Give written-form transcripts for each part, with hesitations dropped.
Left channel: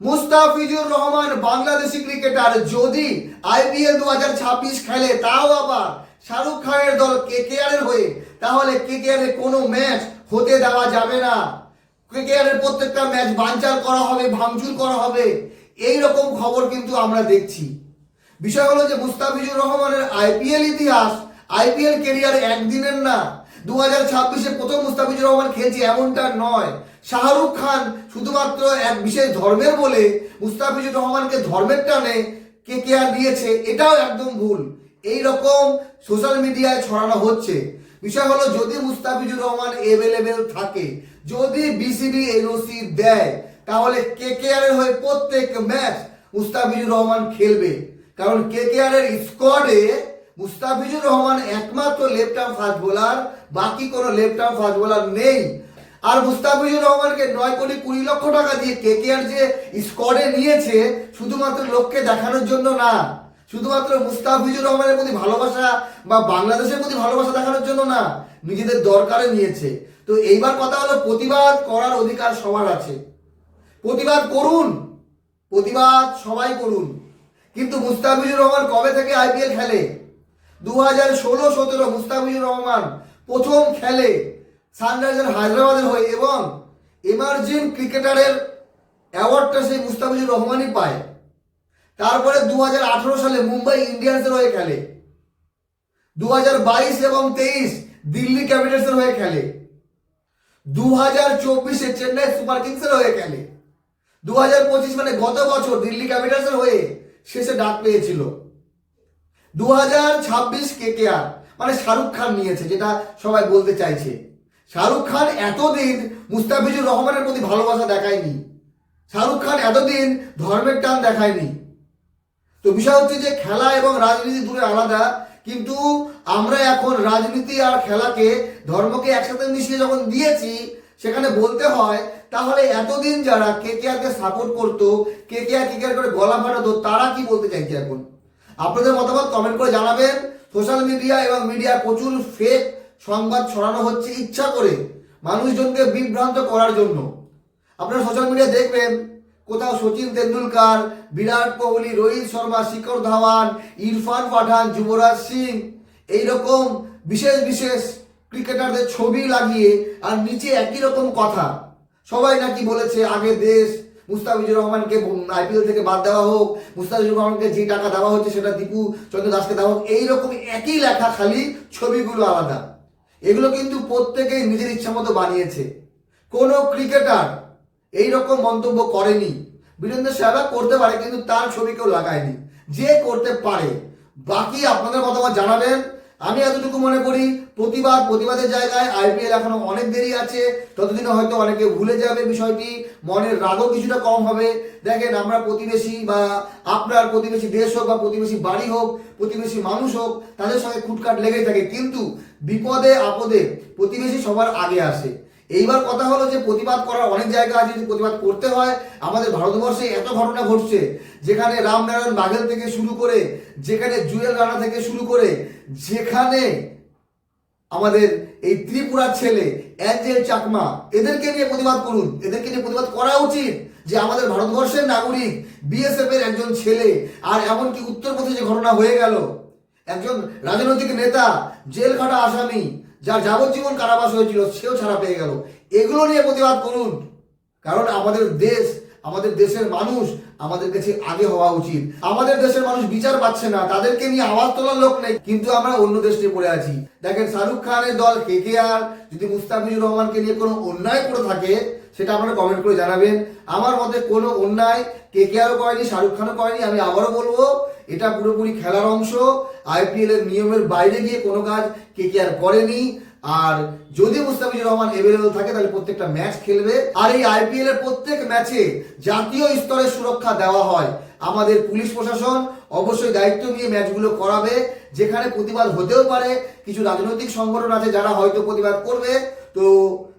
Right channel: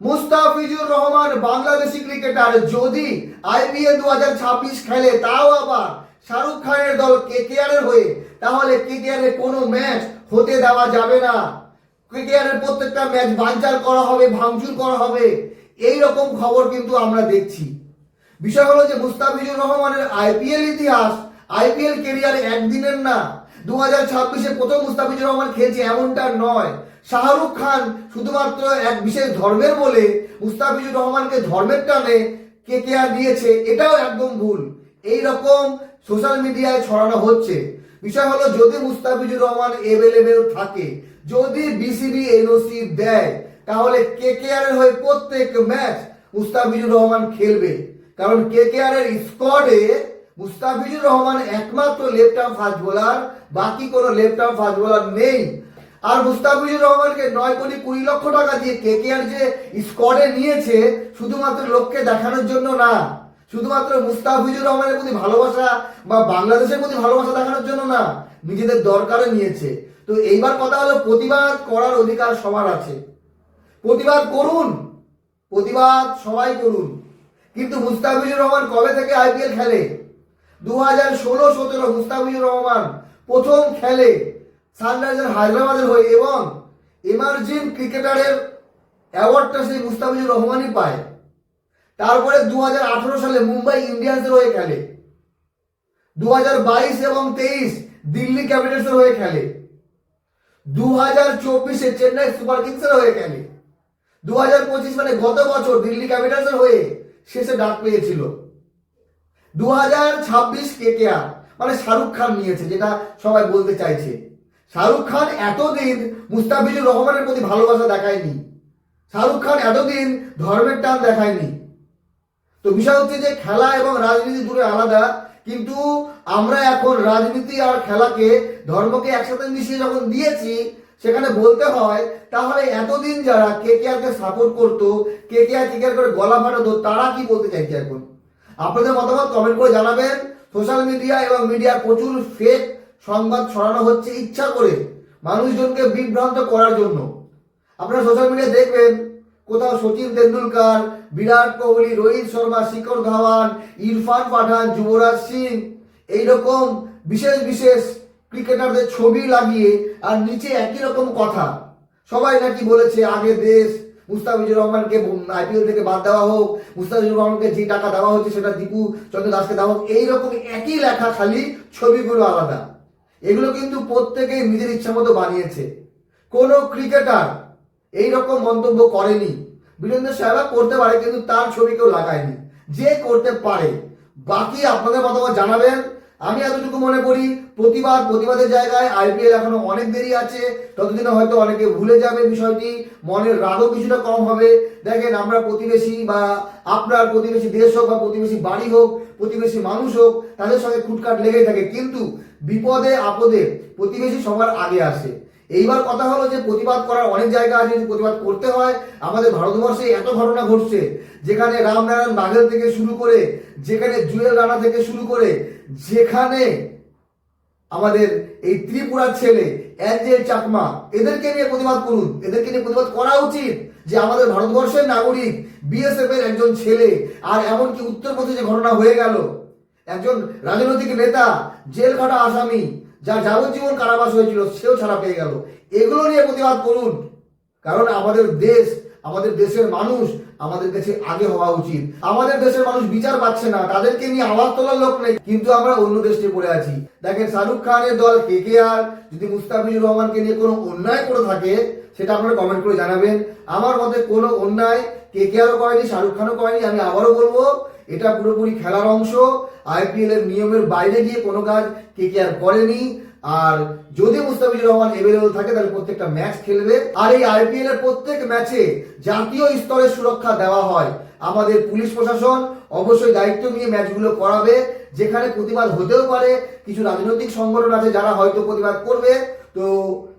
Mustafizur Rahman Bangladeshi cricketer যদি IPL 2026 খেলে, তাও আবার শাহরুখ খানের দল কেকেআর এর হয়ে, তাহলে কেকেআর এর কোনো ম্যাচ হতে দেওয়া যাবে না। কেকেআর এর প্রত্যেকটা ম্যাচ বানচাল করা হবে, ভাঙচুর করা হবে, এই রকম খবর কিন্তু আমরা দেখছি। বিষয় হলো যে মুস্তাফিজুর রহমানের আইপিএল ইতিহাস, আইপিএল কেরিয়ার একদিনের না। 2026-এ প্রথম মুস্তাফিজুর রহমান খেলছে এমনটা নয়। শাহরুখ খান শুধুমাত্র এক বিশেষ ধর্মের বলে মুস্তাফিজুর রহমানকে ধর্মের টানে কেকেআর দিয়েছে, এটাও একদম ভুল। এই রকম সোশ্যাল মিডিয়ায় ছড়ানো হচ্ছে। বিষয় হলো যদি মুস্তাফিজুর রহমান অ্যাভেলেবেল থাকে, যদি বিসিবি এনওসি দেয়, তাহলে কেকেআর এর হয়ে প্রত্যেক ম্যাচ মুস্তাফিজুর রহমান খেলবে। কারণ কেকেআর এর স্কোয়াডে মুস্তাফিজুর রহমান একমাত্র লেফট আর্ম ফাস্ট বোলার, বাকি কোনো লেফট আর্ম ফাস্ট বোলার নেই। আর মুস্তাফিজুর রহমানকে 9,20,00,000 টাকা দিয়ে কেকেআর যে স্কোয়াডে নিয়েছে, শুধুমাত্র লোককে দেখানোর জন্য না, শুধুমাত্র মুস্তাফিজুর রহমানের প্রতি ভালোবাসা বা বাংলাদেশের প্রতি ভালোবাসা দেখানোর জন্য না, নিজেদের দরকারে নিয়েছে। তো এইবার কথা হলো, প্রতিবাদ করার অধিকার সবার আছে, প্রতিবাদ করুন, প্রতিবাদ সবাই করুন। কিন্তু মুস্তাফিজুর রহমান কবে থেকে আইপিএল খেলে? 2016-17 মুস্তাফিজুর রহমান প্রথম খেলে সানরাইজার্স হায়দ্রাবাদের হয়ে, এবং এমার্জিং ক্রিকেটারের অ্যাওয়ার্ডটা সেই মুস্তাফিজুর রহমানই পায়। তারপরে 2018 সালে মুম্বাই ইন্ডিয়ান্সের হয়ে খেলে, 2022 এবং 23 দিল্লি ক্যাপিটালসের হয়ে খেলে, 2024-এ চেন্নাই সুপার কিংসের হয়ে খেলে, 2025 মানে গত বছর দিল্লি ক্যাপিটালসের হয়ে শেষে ডাক পেয়েছিল। 2026 কেকেআর মানে শাহরুখ খান নিয়েছে, যেটা সবাই বলতে চাইছে। শাহরুখ খান এতদিন মুস্তাফিজুর রহমানের প্রতি ভালোবাসা দেখায়নি, শাহরুখ খান এতদিন ধর্মের টান দেখায়নি। তো বিষয় হচ্ছে যে খেলা এবং রাজনীতি দূরে আলাদা, কিন্তু আমরা এখন রাজনীতি আর খেলাকে, ধর্মকে একসাথে মিশিয়ে যখন দিয়েছি, সেখানে বলতে হয় তাহলে এতদিন যারা কেকেআরকে সাপোর্ট করতো, কেকেআর করে গলা ফাটাতো, তারা কি বলতে চাইছে এখন? আপনাদের মতামত কমেন্ট করে জানাবেন। সোশ্যাল মিডিয়া এবং মিডিয়া প্রচুর ফেক সংবাদ ছড়ানো হচ্ছে ইচ্ছা করে, মানুষজনকে বিভ্রান্ত করার জন্য। আপনারা সোশ্যাল মিডিয়া দেখবেন, কোথাও সচিন তেন্ডুলকার, বিরাট কোহলি, রোহিত শর্মা, শিখর ধাওয়ান, ইরফান পাঠান, যুবরাজ সিং, এইরকম বিশেষ বিশেষ ক্রিকেটারদের ছবি লাগিয়ে আর নিচে একই রকম কথা। সবাই নাকি বলেছে আগে দেশ, মুস্তাফিজুর রহমানকে আইপিএল থেকে বাদ দেওয়া হোক, মুস্তাফিজুর রহমানকে যে টাকা দেওয়া হচ্ছে সেটা দীপু চন্দ্র দাসকে দেওয়া হোক, এইরকম একই লেখা, খালি ছবিগুলো আলাদা। এগুলো কিন্তু প্রত্যেকেই নিজের ইচ্ছা মতো বানিয়েছে। কোনো ক্রিকেটার এইরকম মন্তব্য করেনি। বীরেন্দ্র সেহবাগ করতে পারে, কিন্তু তার ছবি কেউ লাগায়নি। যে করতে পারে, বাকি আপনাদের মতামত জানাবেন। আমি এতটুকু মনে করি, প্রতিবাদের জায়গায় আইপিএল এখনো অনেক দেরি আছে। ততদিনে হয়তো অনেকে ভুলে যাবে বিষয়টি, মনের রাগও কিছুটা কম হবে। দেখেন, আমরা প্রতিবেশী বা আপনার প্রতিবেশী দেশ হোক বা প্রতিবেশী বাড়ি হোক, প্রতিবেশী মানুষ হোক, তাদের সঙ্গে খুটখাট লেগেই থাকে, কিন্তু বিপদে আপদে প্রতিবেশী সবার আগে আসে। এইবার কথা হলো যে প্রতিবাদ করার অনেক জায়গা আছে, যদি প্রতিবাদ করতে হয়। আমাদের ভারতবর্ষে এত ঘটনা ঘটছে, যেখানে রামনারায়ণ বাঘেল থেকে শুরু করে, যেখানে জুয়েল রানা থেকে শুরু করে, যেখানে আমাদের এই ত্রিপুরার ছেলে অ্যাঞ্জেল চাকমা, এদেরকে নিয়ে প্রতিবাদ করুন। এদেরকে নিয়ে প্রতিবাদ করা উচিত যে আমাদের ভারতবর্ষের নাগরিক, বিএসএফ এর একজন ছেলে, আর এমনকি উত্তরপ্রদেশে ঘটনা হয়ে গেল, একজন রাজনৈতিক নেতা, জেল খাটা আসামি, যার যাবজ্জীবন কারাবাস হয়েছিল, সেও ছাড়া পেয়ে গেল। এগুলো নিয়ে প্রতিবাদ করুন, কারণ আমাদের দেশ, আমাদের দেশের মানুষ আমাদের কাছে আগে হওয়া উচিত। আমাদের দেশের মানুষ বিচার পাচ্ছে না, তাদেরকে নিয়ে আওয়াজ তোলার লোক নেই, কিন্তু আমরা অন্য দেশ নিয়ে পড়ে আছি। দেখেন, শাহরুখ খানের দল কেকেআর যদি মুস্তাফিজুর রহমানকে নিয়ে কোনো অন্যায় করে থাকে, সেটা আপনারা কমেন্ট করে জানাবেন। আমার মতে কোনো অন্যায় কেকেআরও করেনি, শাহরুখ খানও করেনি। আমি আবারও বলবো, এটা পুরোপুরি খেলার অংশ। আইপিএল এর নিয়মের বাইরে গিয়ে কোনো কাজ কেকেআর করেনি। আর যদি মুস্তাফিজুর রহমান অ্যাভেলেবল থাকে, তাহলে প্রত্যেকটা ম্যাচ খেলবে। আর এই আইপিএল এর প্রত্যেক ম্যাচে জাতীয় স্তরে সুরক্ষা দেওয়া হয়। আমাদের পুলিশ প্রশাসন অবশ্যই দায়িত্ব নিয়ে ম্যাচগুলো করাবে। যেখানে প্রতিবাদ হতেও পারে, কিছু রাজনৈতিক সংগঠন আছে যারা হয়তো প্রতিবাদ করবে। তো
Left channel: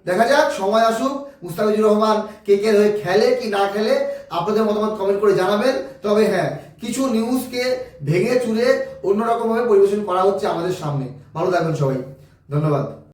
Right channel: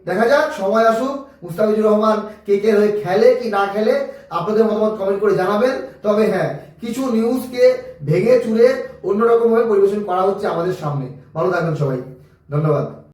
দেখা যাক, সময় আসুক, মুস্তাফিজুর রহমান কেকেআর হয়ে খেলে কি না খেলে, আপনাদের মতামত কমেন্ট করে জানাবেন। তবে হ্যাঁ, কিছু নিউজকে ভেঙে চুরে অন্যরকমভাবে পরিবেশন করা হচ্ছে আমাদের সামনে। ভালো থাকবেন সবাই, ধন্যবাদ।